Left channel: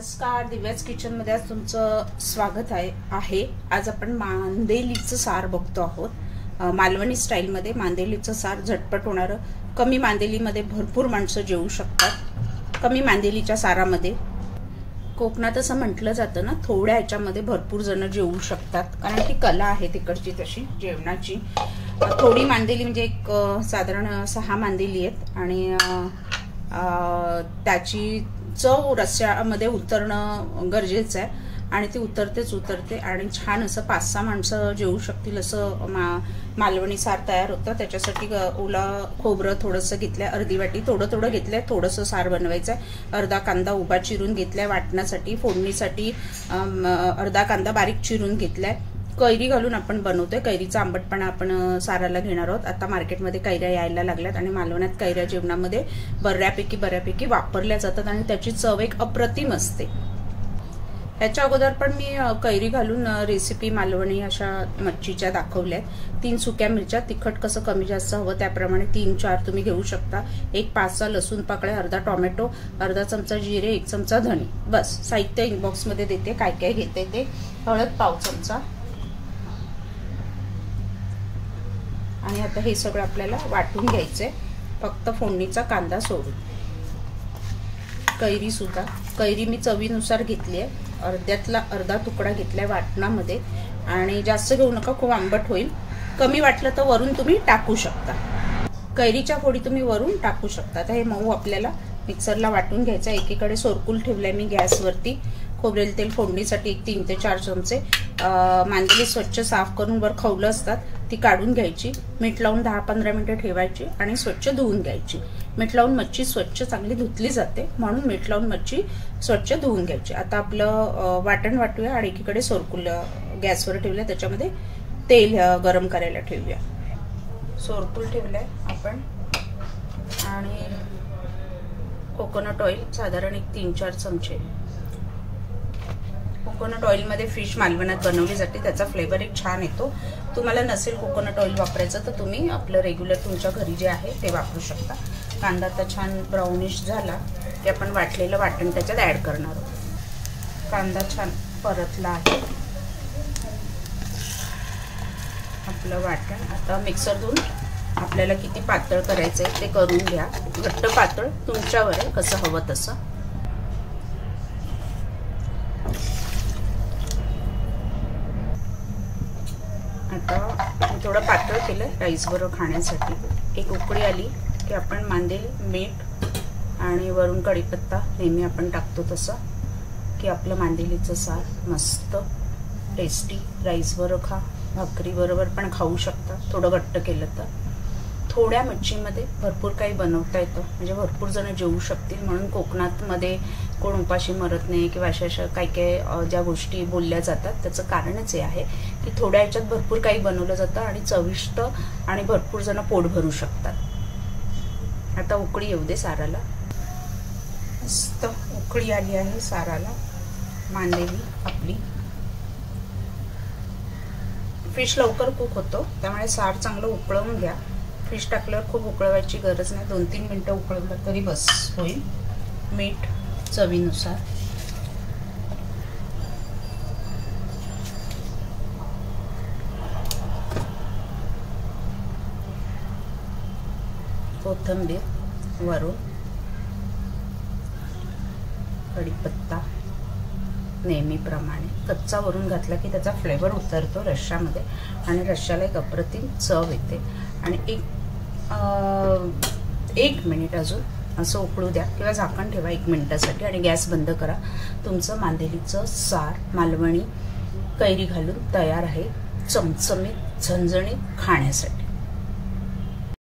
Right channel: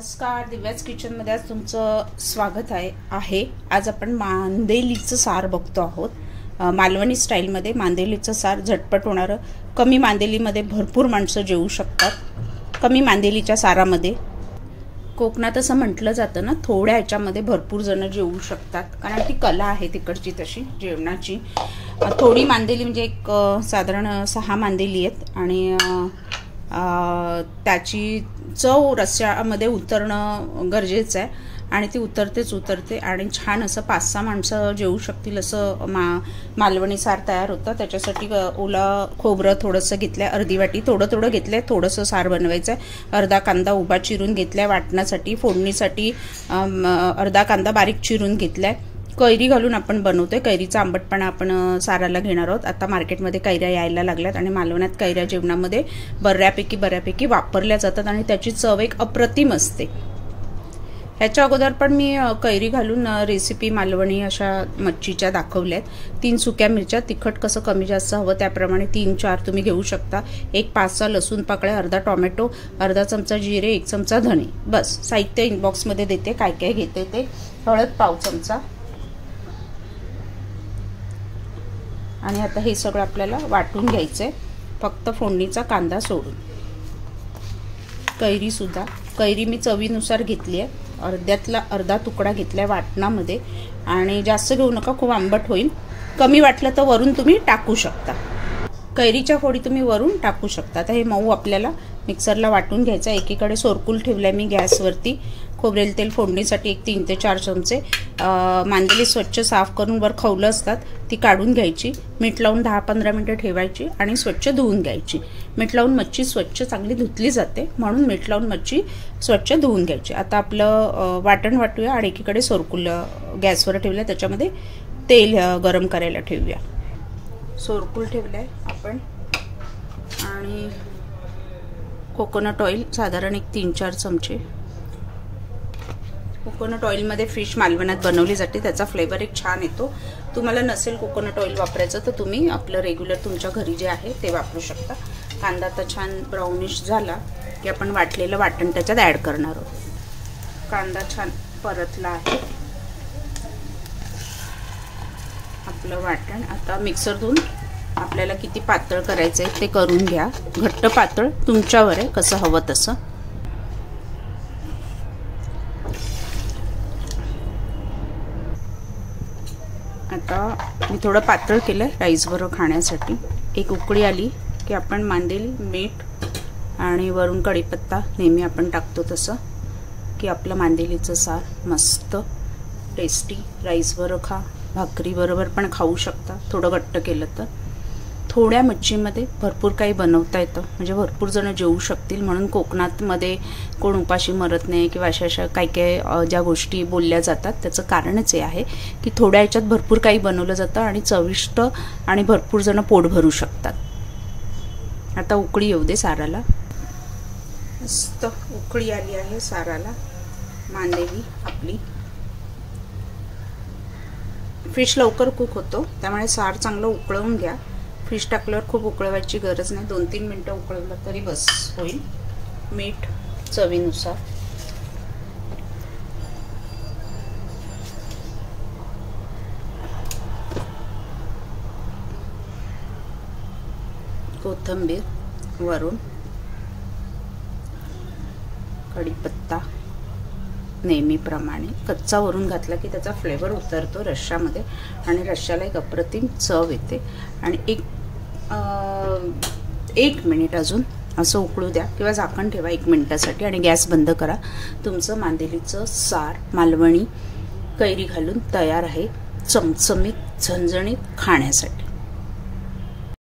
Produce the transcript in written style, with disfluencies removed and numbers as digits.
नमस्कार, दिव्याच किचन मध्ये आज तुमचं स्वागत आहे। आज आपण मांदेलीचं सार बघतो आहोत। मालवणी स्टाईल मध्ये मांदेलीचं सार झटपट होणार, कमी मांदेलीमध्ये भरपूर माणसं जेवू शकतात। कमी मांदेलीच्या सारामध्ये कोकणात असं म्हटलं जातं ना, थोड्या ह्याच्यामध्ये भरपूर जण जेवू शकतात, कारण ती कला आहे तिकडची तशी जेवणाची। थोडी मांदेली म्हणजे एक साधारण 6 मांदेली आहेत आणि त्याची चव रस्स्यामध्ये उतरणं गरजेचं आहे आणि ती उतरते आणि छान असं 5-6 माणसं जेवू शकतील असं मालवणी सार तयार होतं। त्याच्यासाठी ओला खोबरं थोडंसं घेतलंय, अर्धी वाटी थोडं घेतलंय, थोडंसं सार बनवायचं आहे। अर्धा कांदा उभा चिरून घेतलाय वाटण्यासाठी, फोडणीसाठी अर्धा कांदा बारीक चिरून घेतलाय। कैरी घालून आपण बनवतोय, कैरीचा आंबटपणा आपण साराला घेणार आहोत। आता मार्केटमध्ये कैऱ्या यायला लागल्यात आणि मालवण्यात कैऱ्या जेवणामध्ये बऱ्यापैकी वापरल्या जातात आणि त्याची चव एक अप्रतिम असते। ह्याच्या अगोदर पण मी कैरी घालून रेसिपी मालवणी अशा मच्छीच्या दाखवल्यात। 3 सुक्या मिरच्या, तिखट कसं कमी जास्त हवं त्याप्रमाणे 3-4 तुम्ही घेऊ शकता। एक 5-6 लसूण पाकळ्या, अर्धा टोमॅटो, अर्धा चमचा जिरे, 1 चमचा धणे। बस साहित्य इनबॉक्स मध्ये देते, काय काय घेते ते। हळद पाव चमचा आणि आता हे सगळं आपल्याला वाटून घ्यायचंय, फक्त फोडणीचा कांदा सोडून। कैरी सुद्धा, कैरी मी चवीनुसार घेतली आहे, अर्ध्यातला अर्धा तुकडा घेतलाय वाटणामध्ये आणि जास्त घेऊ नका, खूप आंबट होईल। कमी वाटलं तर वरून तुम्ही टाकू शकता, कैरीच्या फोडी तुम्ही वरून टाकू शकता। आता हे मऊ आपल्याला मिक्सरला वाटून घ्यायचं। एकीकडे सोरकूल ठेवलाय मी गॅसवरती। खोबरेल तेल फोडणीसाठी एक 3 ते 4 चमचे। मांदेली स्वच्छ साफ करून वर खवलं असतात ती काढून घ्यायची, मीठ लावून 10-15 मिनिटं ठेवायची आणि स्वच्छ धुवून घ्यायची। मीठ लावून मच्छी स्वच्छ चांगली धुतली जाते, म्हणून मीठ लावून मच्छी स्वच्छ धुवून घ्यायची। आता आपलं वाटण वाटूया आणि एकीकडे सोरकूल गॅसवर ठेवलं, त्याच्यामध्ये तेल गरम करायला ठेवूया। सोरकूल ठेवलंय आपण आणि कोकोनट ऑइल साधारण एक 3-4 चमचे। कोकोनट ऑइल मध्ये फिश मालवणात बनवली जाते, त्याचा फ्लेवर एक छान येतो। तुम्हाला नसेल कोकोनट ऑइल वापरायचं तर तुम्ही आपलं रेग्युलर तुमच्या घरी जे आहे ते वापरू शकता। कांदा तर छान ब्राउनिश झाला की आपण वाटलेलं वाटण त्याच्यात ऍड करणार आहोत। कांदा छान परतला आहे आपलं वाटण। आता मिक्सरतून आपल्याला किती पातळ करायचं आहे ते करून घ्या, घट्ट पातळ तुमच्यावर आहे, कसं हवं तसं। आता मी थोडं पातळ केलं राईस बरोबर खाण्यासाठी। एक उकळी आली की आपण मांदेली, मीठ आणि वरून कढीपत्ता नेहमी आपण टाकतो तसं, की आपलं मांदेलीचं सार मस्त टेस्टी राईस बरोबर खा, भाकरी बरोबर पण खाऊ शकता। थोडं घट्ट केलं तर थोड्या मच्छीमध्ये भरपूर काही बनवता येतं, म्हणजे भरपूर जण जेवू शकतील। म्हणून कोकणात मध्ये कोण उपाशी मरत नाही किंवा अशा काही ज्या गोष्टी बोलल्या जातात त्याचं कारणच हे आहे की थोड्या ह्याच्यात भरपूर काही बनवलं जातं आणि चविष्ट आणि भरपूर जण पोट भरू शकतात। आता उकळी येऊ दे साराला, मस्त उकळी आली आहे साराला। मांदेली आपली फिश लवकर कुक होतो, त्यामुळे सार चांगलं उकळवून घ्या। फिश टाकल्यावर खूप उकळवायची गरज नाही, 2-3 मिनिटं उकळवलं तरी बस होईल। मीठ चवीनुसार, कोथिंबीर वरून, कढीपत्ता नेहमीप्रमाणे कच्चा वरून घातला की त्याचा फ्लेवर उतरतो रश्श्यामध्ये आणि रश्श्याला एक अप्रतिम चव येते। आणि एक मिनिट अजून असं उकळू द्या किंवा झाकण ठेवा 1 मिनिटासाठी आणि गॅस बंद करा। तुमचं मांदेलीचं सार मालवणी कैरी घालून तयार आहे, चमचमीत झणझणीत खाण्यासाठी।